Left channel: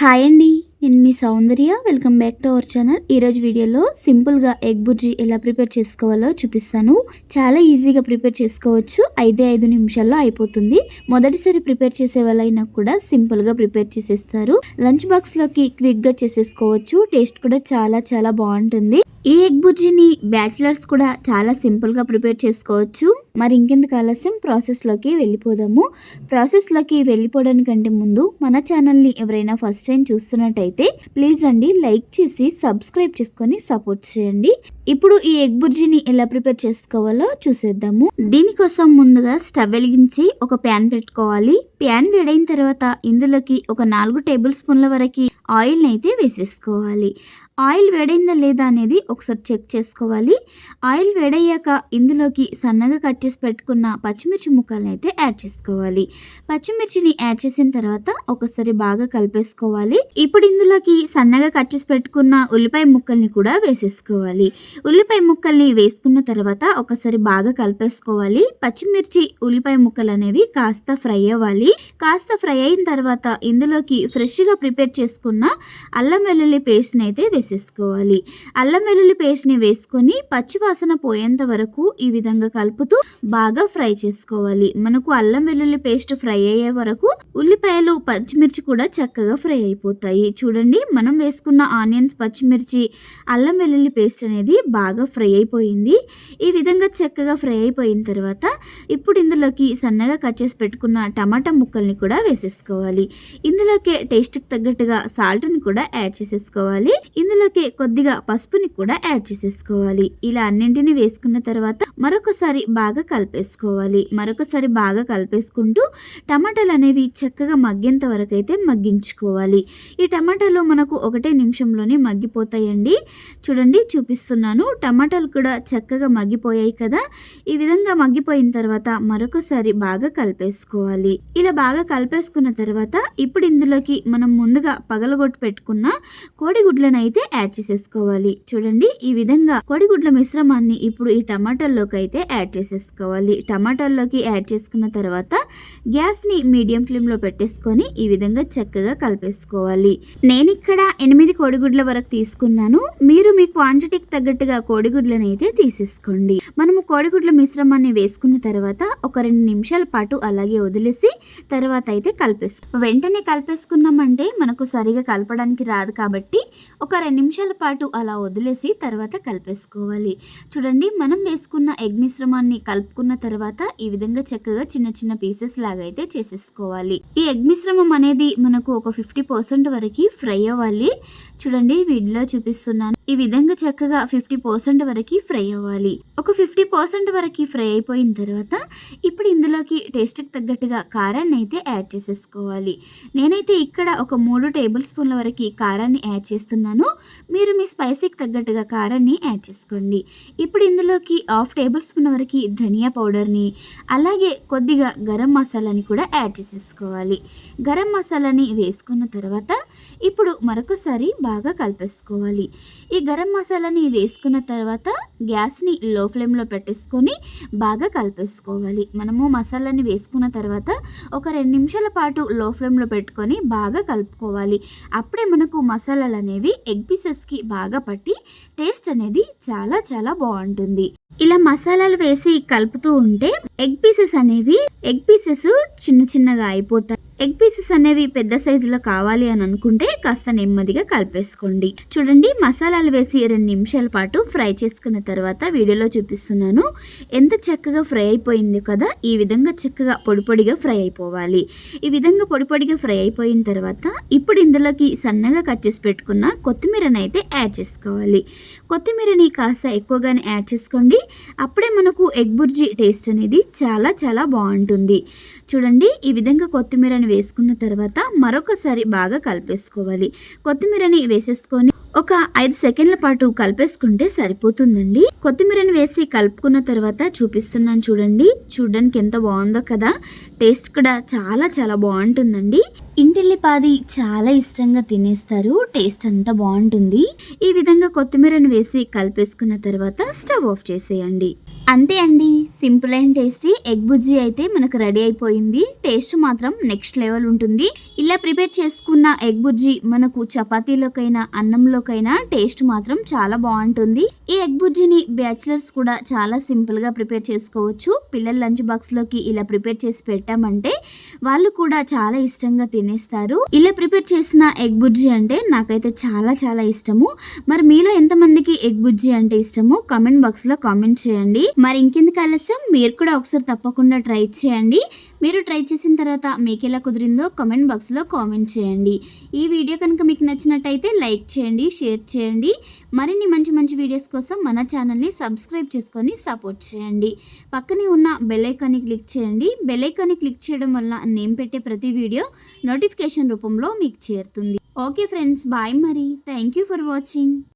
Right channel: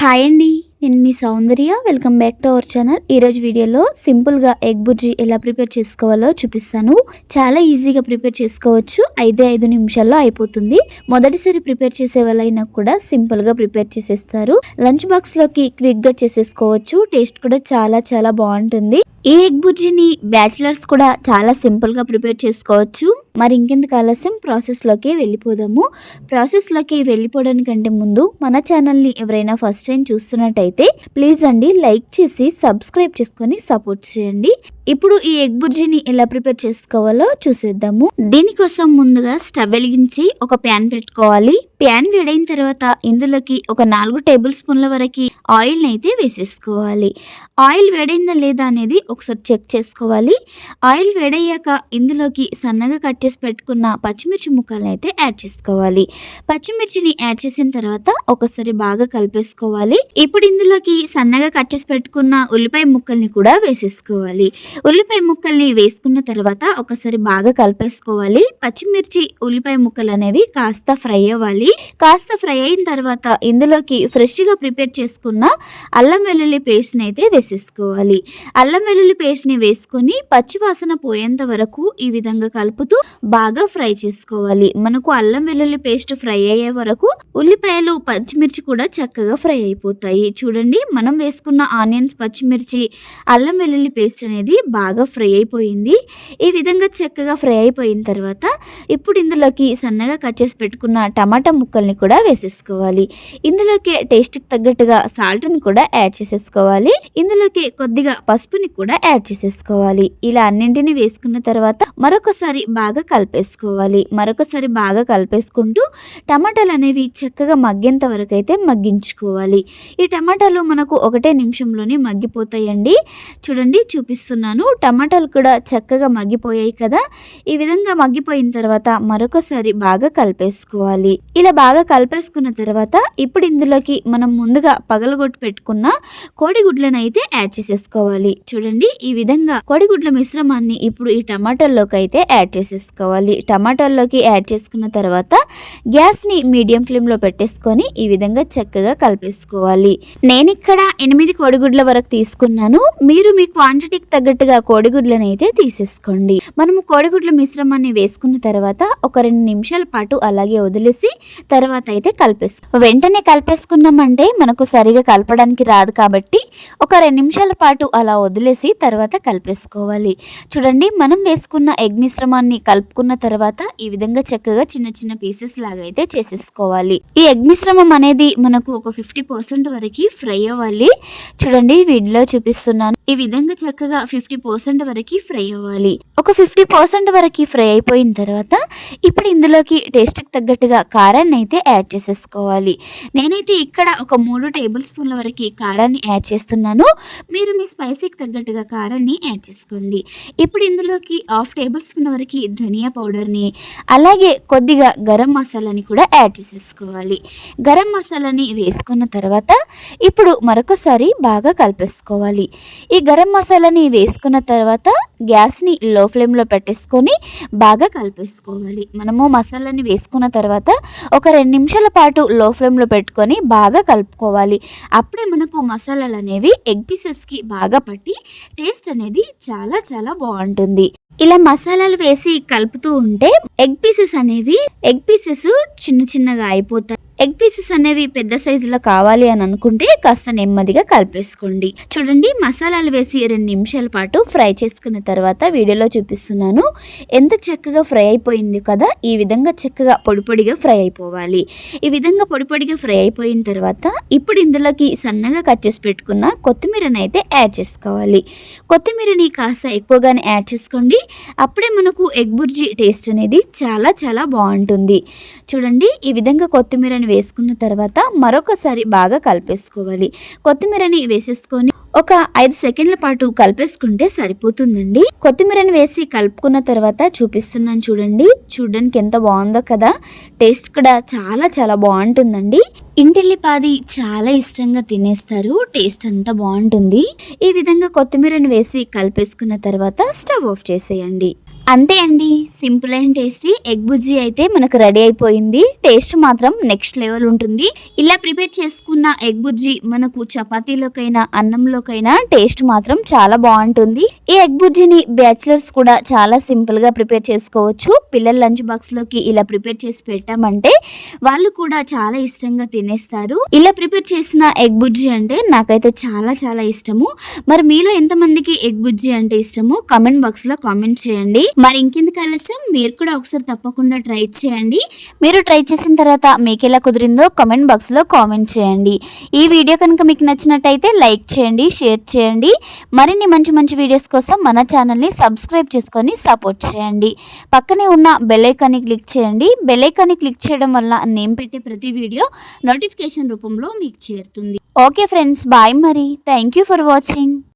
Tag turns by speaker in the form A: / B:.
A: Hi అండి నేను మీ Soundarya. Welcome back to our channel ఈరోజు వీడియోలో సింపుల్గా ఎగ్ బుర్జీ ఎలా ప్రిపేర్ చేసుకోవాలో చూపిస్తాను. చాలా ఈజీగా ప్రిపేర్ చేసుకోవచ్చు. ఐదే ఐదు నిమిషాల్లో అయిపోతుంది. మొదటిసారి ప్రిపేర్ చేసే వాళ్ళైనా కూడా సింపుల్గా ప్రిపేర్ చేసేస్తారు. లంచ్ బాక్స్లోకి క్విక్గా చేసేసుకోవచ్చు. టేస్ట్ కూడా చాలా చాలా బాగుంటుంది. ఈ ఎగ్ బుర్జీని బ్యాచిలర్స్ కూడా చాలా సింపుల్గా ప్రిపేర్ చేసుకోవచ్చు. మరి ఇంకెందుకు ఆలస్యం? ప్రాసెస్లోకి వెళ్ళిపోదాము. ప్రాసెస్లోకి వెళ్ళిపోవడానికంటే ముందు మన ఛానల్ని ఎవరైనా ఫస్ట్ టైం చూస్తున్నట్టయితే ప్లీజ్ అండి లైక్ చేసి సబ్స్క్రైబ్ చేసుకొని సపోర్ట్ చేయండి. ఇప్పుడు ఈ ఎగ్ బుర్జీని ఎలా ప్రిపేర్ చేసుకోవాలో చూసేద్దాము. దీనికోసం ముందుగా స్టవ్ వెలిగించి ఒక ప్యాన్ పెట్టుకోవాలి. ప్యాన్ వేడైన తర్వాత ఇందులోకి ఒక నాలుగు టేబుల్ స్పూన్ల వరకు ఆయిల్ని అయితే వేసేసుకోవాలి. ఆయిల్ వేడైందా లేదా అనేది ఒకసారి చెక్ చేసుకోవాలి. ఆయిల్ వేడయ్యాక ఇందులోకి సన్నగా కట్ చేసి పెట్టుకున్న పచ్చిమిర్చి ముక్కలను అయితే యాడ్ చేసుకోవాలి. పచ్చిమిర్చిని యాడ్ చేసిన తర్వాత ఒకసారి బాగా కలిపేసుకోవాలి. ఇప్పుడు ఇందులోకి సన్నగా కట్ చేసి పెట్టుకున్న ఉల్లిపాయ ముక్కల్ని కూడా వేసేసుకోవాలి. ఉల్లిపాయ ముక్కల్ని వేసుకున్న తర్వాత ఒకసారి బాగా కలిపేసుకోవాలి. పచ్చిమిర్చి ఉల్లిపాయ ముక్కలు అనేవి కాస్త ఫ్రై అవ్వాలి. కాస్త ఫ్రై అయిన తర్వాత ఇందులోకి ఫ్రెష్గా ప్రిపేర్ చేసుకున్న అల్లం వెల్లుల్లి పేస్ట్ని అయితే వేసి వేసేసుకోవాలి. అల్లం వెల్లుల్లి పేస్ట్ని వేసుకొని పచ్చివాసన పోయేంత వరకు ఈ విధంగా కలుపుతూ బాగా ఫ్రై చేసుకోవాలి. మనకు అల్లం వెల్లుల్లి పేస్ట్ ఫ్రై అయ్యే వరకు ఉల్లిపాయలు పచ్చిమిర్చి కూడా చక్కగా ఫ్రై అయిపోతాయి. చూడండి మనం వేసుకున్న ఆనియన్స్ పచ్చిమిర్చి అల్లం వెల్లుల్లి పేస్ట్ అనేది బాగా ఫ్రై అయిపోయింది. ఈ విధంగా చక్కగా ఫ్రై అయిపోయిన తర్వాత ఇప్పుడు ఇందులోకి సన్నగా కట్ చేసి పెట్టుకున్న టమాటా ముక్కల్ని కూడా వేసేసుకోవాలి. ఇందులోకి టేస్ట్కి తగ్గట్టుగా సాల్ట్ని కూడా యాడ్ చేసేసుకోవాలి. ఇందులో ఇందులోకి కొద్దిగా పసుపుని కూడా యాడ్ చేసేసుకోవాలి. ఇలా అన్నింటిని వేసుకున్న తర్వాత మరొకసారి బాగా కలిపేసుకోవాలి. మరొకసారి బాగా కలిపేసుకుంటూ టమాటాలు అనేవి చక్కగా మగ్గేంత వరకు అయితే మగ్గించుకోవాలి. ఈ టమాటాలు మనకు ఒకటే నిమిషంలోనే మగ్గిపోతాయండి. చూడండి చూపిస్తున్నాను. టమాటాలు కూడా చక్కగా మగ్గిపోయాయి కదా. ఈ విధంగా మగ్గిపోయిన తర్వాత మరొకసారి బాగా కలిపేసుకోవాలి. ఇలా బాగా కలిపేసుకున్న తర్వాత ఇప్పుడు ఇందులోకి మనం ముందుగా పగలగొట్టి పెట్టుకున్న కోడిగుడ్లను అయితే యాడ్ చేసేసుకోవాలి. చూడండి ఈ విధంగా కోడిగుడ్ల మిశ్రమాన్ని ఇప్పుడు ఈ టమాటాల్లోకి అయితే యాడ్ చేసేసుకోవాలి. టమాటాల్లోకి యాడ్ చేసుకున్న తర్వాత గ్యాస్ని మీడియం ఫ్లేమ్లో పెట్టేసుకొని ఈ విధంగా చక్కగా కలిపేసుకోవాలి. నేను ఇక్కడ ఎనిమిది కోడిగుడ్ల వరకు తీసుకున్నాను. మీరు మీ క్వాంటిటీకి తగ్గట్టుగా కోడిగుడ్లను అయితే తీసేసుకోండి. మనము కోడిగుడ్ల మిశ్రమాన్ని వేసుకున్న తర్వాత ఒక రెండు నిమిషాల పాటు అలాగే వదిలేసి తర్వాత అయితే కలిపేసుకో వెంటనే కలిపేసుకున్నామంటే మనకు సరిగా కలపడానికి రాదు కాబట్టి ఒక పది నిమిషాల పాటు అలా వదిలేసి తర్వాత కలిపేసుకోవాలి. చూడండి మనం వేసుకున్న ఎగ్ మిశ్రమాన్ని కలుపుకున్న తర్వాత ఈ విధంగా చక్కగా చిన్న చిన్న పీసెస్ లాగా అయితే చేసేసుకోవాలి. ఈ ఎగ్ మిశ్రమం అనేది మనకు ఒక ఫిఫ్టీ పర్సెంట్ వరకు ఫ్రై అవ్వాలి. చూడండి వీడియోలో చూపిస్తున్నాను. ఈ విధంగా చక్కగా ఫిఫ్టీ పర్సెంట్ వరకు ఫ్రై అవ్వాలి. ఒక ఫిఫ్టీ పర్సెంట్ వరకు ఫ్రై అయిపోయిన తర్వాత ఇప్పుడు ఇందులోకి టేస్ట్కి తగ్గట్టుగా కారాన్ని అయితే యాడ్ చేసేసుకోవాలి. నేనైతే ఇక్కడ ఒక మూడు టేబుల్ స్పూన్ల వరకు కారాన్ని యాడ్ చేస్తున్నాను. మీరు మీ స్పైసీకి తగ్గట్టుగా కారాన్ని యాడ్ చేసుకోండి. ఇప్పుడు ఇందులోకి హాఫ్ టేబుల్ స్పూన్ వరకు ధనియా పౌడర్ని అలాగే కొద్దిగా గరం మసాలాని కూడా యాడ్ చేసేసుకోవాలి. గరం మసాలాని వేసుకున్న తర్వాత ఇప్పుడు మరొకసారి బాగా కలిపేసుకోవాలి. ఈ గరం మసాలాని వేసుకున్న తర్వాత గ్యాస్ని లో ఫ్లేమ్లో పెట్టేసుకొని బాగా కలిపేసుకోవాలి. మనము మసాలాని వేసుకున్న తర్వాత ఒక రెండు నిమిషాల పాటు లో ఫ్లేమ్లో పెట్టుకొని బాగా కలుపుకోవాలి. అప్పుడే మనకు మసాలాలు అనేవి ఎగ్ పీసెస్కి బాగా పట్టి టేస్ట్ అనేది చాలా చాలా బాగుంటుంది. ఇలా మసాలాలు వేసి కలుపుతూ ఉంటే ఎగ్ పీసెస్ అనేవి ఎగ్ పీసెస్ చిన్న చిన్నగా అయిపోతాయి. ఎగ్ పీసెస్ అనేవి పెద్ద సైజులో కావాలి అని అనుకుంటే కాస్త నెమ్మదిగా కలిపేసుకోండి. చూడండి మసాలాలు వేసి రెండు నిమిషాల పాటు ఫ్రై చేసుకున్న తర్వాత వీడియోలో చూపిస్తున్నాను. ఎంత చక్కగా ఫ్రై అయిపోయింది కదా ఈ విధంగా చక్కగా పొడిపొడిగా ఫ్రై అయిపోవాలి. ఈ విధంగా పొడిపొడిగా ఫ్రై అయిపోయిన తర్వాత ఇప్పుడు ఇందులోకి సన్నగా కట్ చేసి పెట్టుకున్న కొత్తిమీరని అయితే యాడ్ చేసుకోవాలి. కొత్తిమీరని కాస్త ఎక్కువగానే యాడ్ చేసుకోండి. అప్పుడే మనకు ఎగ్ బుర్జీ టేస్ట్ అనేది చాలా చాలా బాగుంటుంది. చూడండి ఈ విధంగా కొత్తిమీరని వేసుకున్న తర్వాత మరొకసారి బాగా కలిపేసుకోవాలి. కొత్తిమీరని వేసేసుకొని ఒక ఐదు సెకండ్ల పాటు కలిపేసుకుంటే సరిపోతుందండి. కొత్తిమీరని వేసి కలుపుకున్న తర్వాత చూపిస్తున్నాను చూడండి. చూడడానికి ఎంత బాగుందో కదా. టేస్ట్ కూడా చాలా చాలా బాగుంటుందండి. ఇంటిల్లిపాది చాలా ఇష్టంగా తినేస్తారు. టేస్ట్ అంతా బాగుంటుంది. ఈ విధంగా కొత్తిమీరని వేసి కలిపేసుకున్న తర్వాత స్టవ్ ఆఫ్ చేసేయండి. అంతే అండి. Simple and tasty. ఎగ్ బుజ్జి అయితే మనకు రెడీ అయిపోయింది. టేస్ట్ మాత్రం నెక్స్ట్ లెవెల్ ఉంటుంది. ఇలా ప్రిపేర్ చేసుకున్న ఎగ్ బుజ్జి మనకు చపాతీలోకైనా అన్నంలోకైనా టేస్ట్ మాత్రం చాలా బాగుంటుంది. ఈ ఎగ్ బుజ్జిని బ్యాచిలర్స్ కూడా చాలా సింపుల్గా ప్రిపేర్ చేసుకోవచ్చు. పిల్లల లంచ్ బాక్స్లోకి ఇలా ప్రిపేర్ చేసి పెట్టామంటే వాళ్ళు కూడా చాలా ఇష్టంగా తినేస్తారు. ఇలా ప్రిపేర్ చేసిన ఎగ్ బుజ్జి అంటే నాకైతే చాలా చాలా ఇష్టము. మరి మీలో ఎంతమందికి ఎగ్ బుజ్జి అంటే ఇష్టమో? కామెంట్ బాక్స్లో కామెంట్ చేయండి. మరి ఇంకెందుకు ఆలస్యం? మీరు కూడా ఒకసారి తప్పకుండా ట్రై చేయండి. మీరు ట్రై చేసిన తర్వాత మీకు ఎలా కుదిరిందో కామెంట్ బాక్స్లో కామెంట్ చేయండి. ఈ వీడియో కనుక మీకు నచ్చినట్టయితే లైక్ చేయండి షేర్ చేయండి. మరిన్ని మంచి మంచి వీడియోస్ కోసం మన ఛానల్ని సబ్స్క్రైబ్ చేసుకొని సపోర్ట్ చేయండి. పక్కనే ఉన్న బెల్లైకాన్ని క్లిక్ చేయండి. బెల్లైకాన్ని క్లిక్ చేయడం వల్ల నేను పెట్టే ప్రతి వీడియో నోటిఫికేషన్ రూపంలో మీకు చేరుతుంది. ఓకే ఫ్రెండ్స్ బాయ్ మరి. Thank you for watching.